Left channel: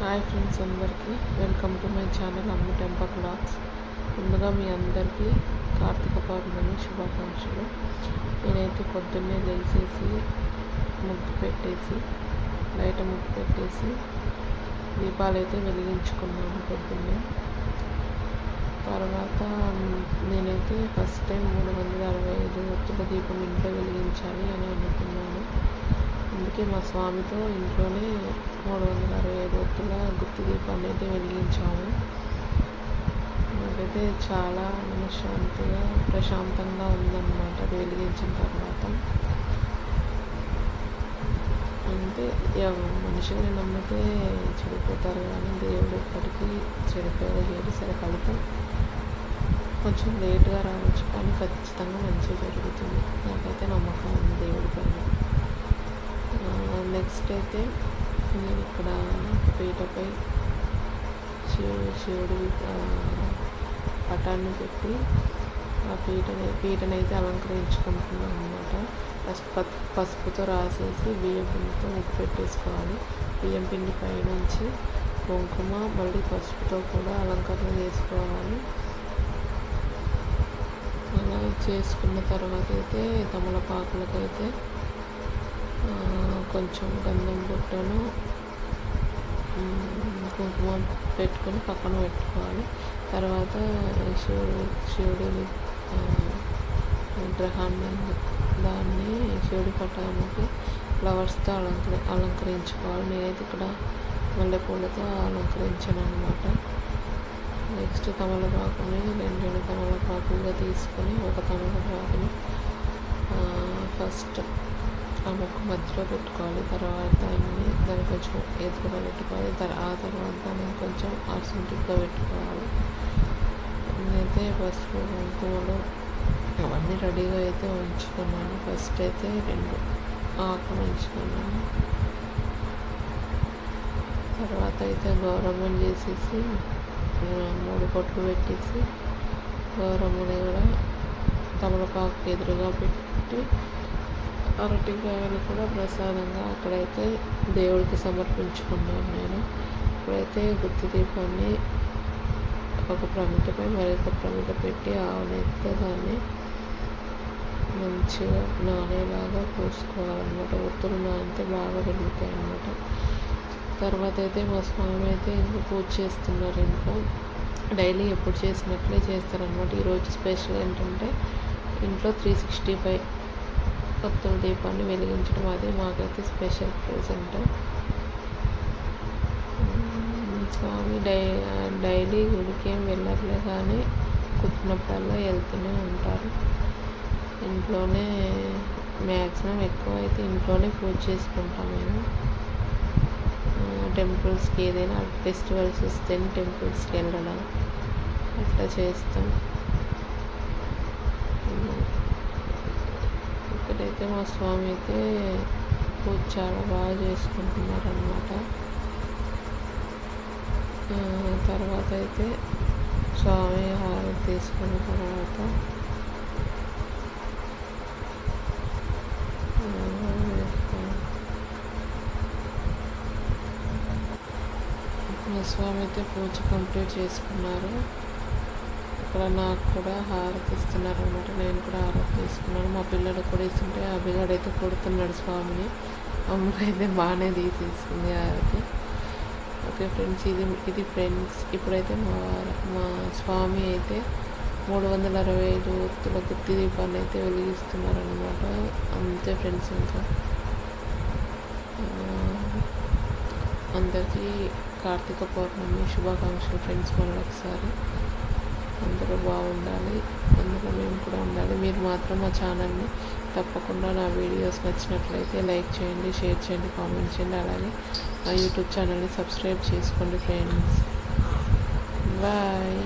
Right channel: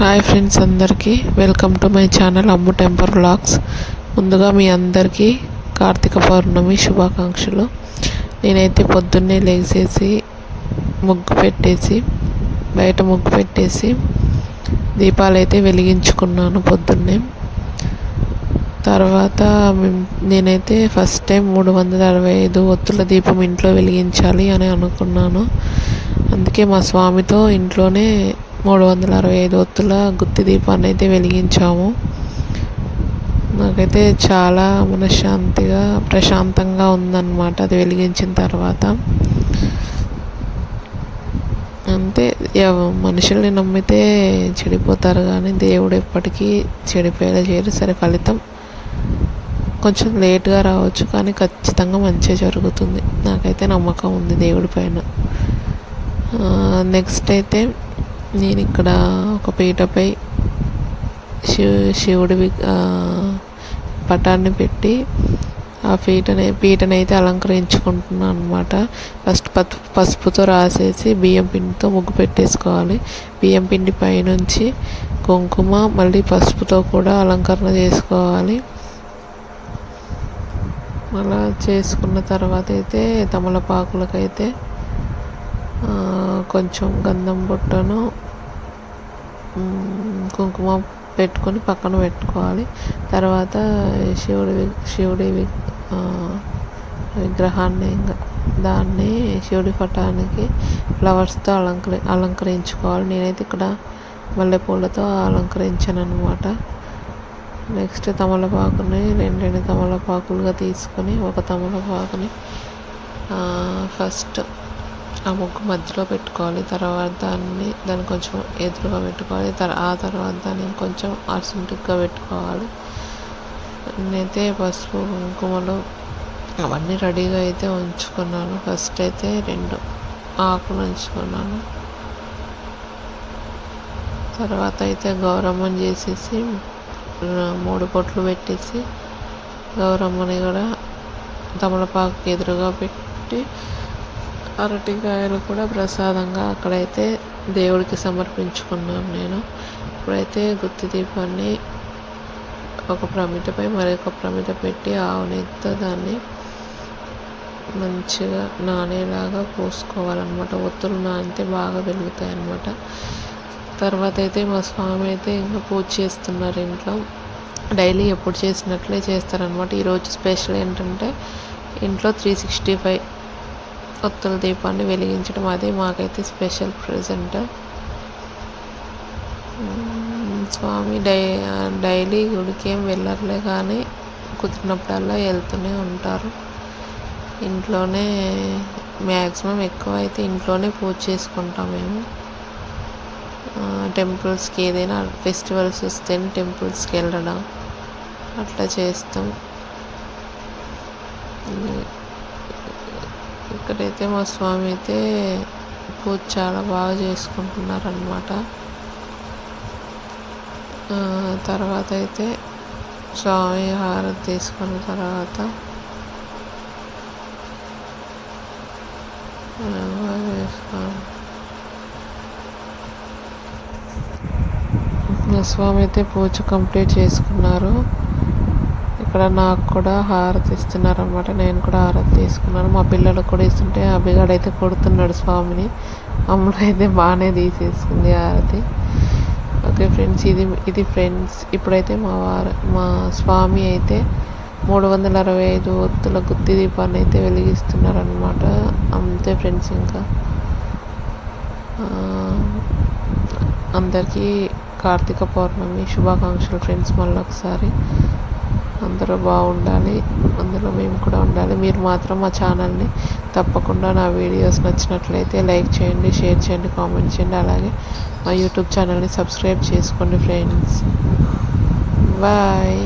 Hi friends, అందరికీ welcome to my channel Ammu temper vlogs. ముందుగా మీ అందరికీ కార్తీక పౌర్ణమి శుభాకాంక్షలు. నేనైతే పొద్దున్నే లేచేసి బయట ముగ్గు పెట్టేసి దీపాలు అయితే వెలిగించుకున్నాను పొద్దున్నే. తర్వాత నేనైతే ఫస్ట్ టైం 365 ఒత్తుల దీపం ఇంట్లో వెలిగించాలి అని అనుకున్నాను. అందుకే మా స్వామితో ఇంట్లోనే 365 ఒత్తుల గుత్తి దీపాన్ని అయితే వెలిగించాము. నాకైతే చాలా మనశ్శాంతిగా ప్రశాంతంగా ఉందన్నమాట అది వెలిగించిన తర్వాత. అంతే, మనుషుల్ని నమ్మితే చెడిపోతారు కానీ దేవుడు ఎప్పటికీ చెడిపోయేలా చేయరు. సరే, ఫలితం కొంచెం లేట్గా రావచ్చు కానీ ఖచ్చితంగా మంచిగా జరుగుతుంది. నాకైతే నమ్మకం ఉంది దేవుడి పైన. నెక్స్ట్ అయితే నేను ఇక్కడ ఒక పీటపై శివుడి పటాన్ని పెట్టి ఆ పీటనైతే అలంకరించుకుంటున్నాను అనమాట. ఫస్ట్ పసుపుతో రాసేసి బియ్యం పిండితో ముగ్గు పెట్టేసుకోవాలి. బియ్యం పిండి పైనుంచి కుంకుమ మళ్ళీ పసుపుతో కూడా అలంకరణ చేసుకోవాలి. అలా చేసుకున్న తర్వాత అయితే తమలపాకులకైతే కొంచెం గంధం బుట్టను కుంకుమ పెట్టుకొని పక్కన పెట్టుకోవాలి. తర్వాత శివుడి విగ్రహాన్ని దాన్ని శివుడి పటానికి ఫ్లవర్స్తో అలంకరించుకోవాలి. నేనైతే ఇక్కడ మల్లెపూలతో అలంకరించాను అనమాట. నెక్స్ట్ తమలపాకుని రెండు తమలపాకులుగా తీసుకొని ఒక తమలపాకుని ఫస్ట్ ఆ ముగ్గు మధ్యలో పెట్టుకోవాలి. తర్వాత దాన్ని కొంచెం ఎదురుగా పెట్టుకోవాలి. ఆ తర్వాత దాన్ని కొంచెం అర్సెంటిక్గా పెట్టుకోవాలి. నేనైతే పసుపు కుంకుమలు అవన్నీ రెడీగా అయితే ఉంచుకున్నాను. ఫస్ట్ అయితే 2 ఆకులు ఉంచుకున్నాను. తర్వాత అయితే గౌరమ్మని చేసేసి 3 బొట్లు పెట్టేసి గౌరమ్మని కూడా తమలపాకు ఎదురుగా పెట్టి అరటికాయలు కూడా ప్రసాదంగా అక్కడైతే దేవుడికి సమర్పించుకున్నాను నేను. ఇప్పుడైతే గుత్తి దీపాన్ని ఒక ప్రమిదపై మరొక ప్రమిద పెట్టి ఆవు నెయ్యితో దాన్ని మంచిగా నానేలాగా పోసుకోవాలన్నమాట. ఒత్తులు నానితే బాగా వెలుగుతాయి అన్నమాట. తర్వాత అయితే మా స్వామి అయితే ఇంకా పూజ చేస్తున్నారు ఇంట్లో. డైలీ ఎప్పుడు చేసినట్లే చేస్తారనమాట. ఈరోజు స్పెషల్ ఏంటంటే ఇంట్లో 365 ఒత్తుల దీపాన్ని వెలిగించడం. అదే మాకైతే స్పెషల్ ప్రెజెంట్. స్వామి డైలీ గుడికి ఏం వెళ్ళర్లే కానీ కుదిరినప్పుడల్లా వెళ్తూనే ఉంటారు. ఇంట్లోనే మ్యాక్సిమం ఎక్కువ అయితే ఇంట్లోనే పూజ చేసుకుంటాం మేము. టెంపుల్స్కి ఏదైనా ఫెస్టివల్స్ వస్తేనే టెంపుల్స్కి వెళ్ళడం అట్లా చేస్తాం. ఇక్కడైతే మా స్వామి అయితే పూజ చాలా బాగా చేసుకుంటున్నారనమాట. తర్వాత అయితే స్వామి హారతి తీసుకున్న తర్వాత మా స్వామి అయితే పూజ కంప్లీట్ చేసుకున్నారు. ఇక్కడ నాకు కూడా హారతి ఇస్తున్నారు అనమాట. నేను కూడా హారతి తీసుకున్నాను. మా పిల్లలకు కూడా ఇస్తుంటే అభిగాడైతే కొడుతున్నాడు స్వామిని. అమ్ముడు అయితే బాగానే తీసేసుకుంది హారతి. ఓకే ఫ్రెండ్స్, ఇది ఫ్రెండ్స్ ఇప్పుడైతే మా స్వామి అయితే 365 ఒత్తుల గుత్తి దీపాన్ని అయితే వెలిగిస్తున్నారు అనమాట. అంతే ఫ్రెండ్స్. ఇంకా అందరికీ కార్తీక పౌర్ణమి శుభాకాంక్షలు ఫ్రెండ్స్. మళ్ళీ ఒకసారి అందరూ బాగుండాలి, అందులో మేము కూడా ఉండాలి. మీరు మాత్రం మా ఛానల్ని తప్పకుండా నా వీడియోస్ నచ్చినట్లయితే లైక్ చేయండి, షేర్ చేయండి, కామెంట్ చేయండి. అలాగే మా యూట్యూబ్ ఛానల్ని సబ్స్క్రైబ్ చేసుకోండి ఫ్రెండ్స్. బాయ్.